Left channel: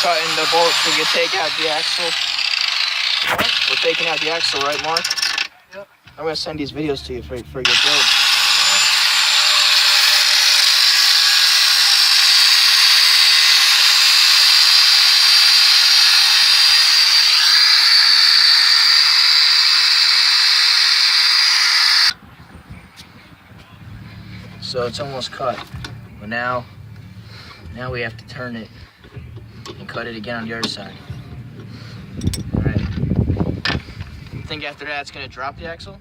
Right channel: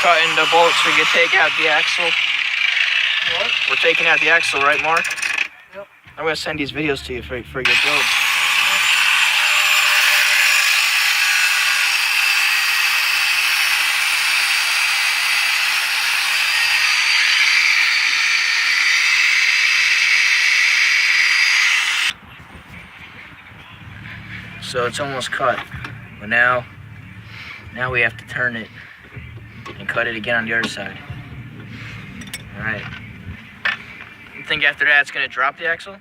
cutting the bolts. We can take out the axle. What? We're taking out the axle, right, Mark? Yep. I'm gonna send these videos to you for your build. So it's almost cut, but now we have to turn it and cut it again on the other side. All right. You think after that it's gonna drop the axle?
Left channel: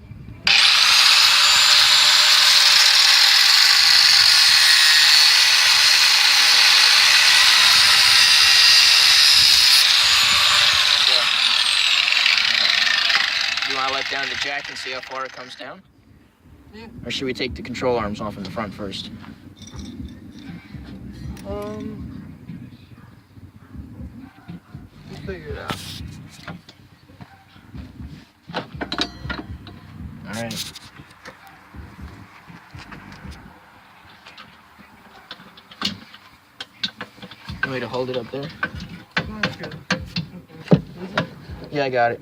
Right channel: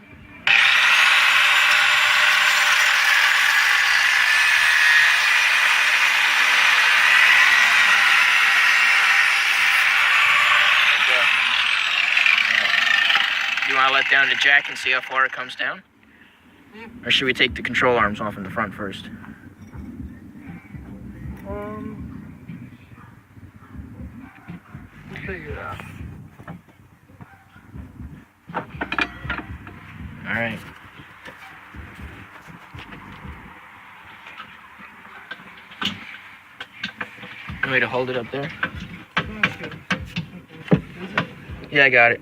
You want to let down the jack and see how far it comes down? Yeah. Or should we take the control arms off in the front first? We'll figure it out. All right. You want me to hold it up there? Okay. Yeah, I got it.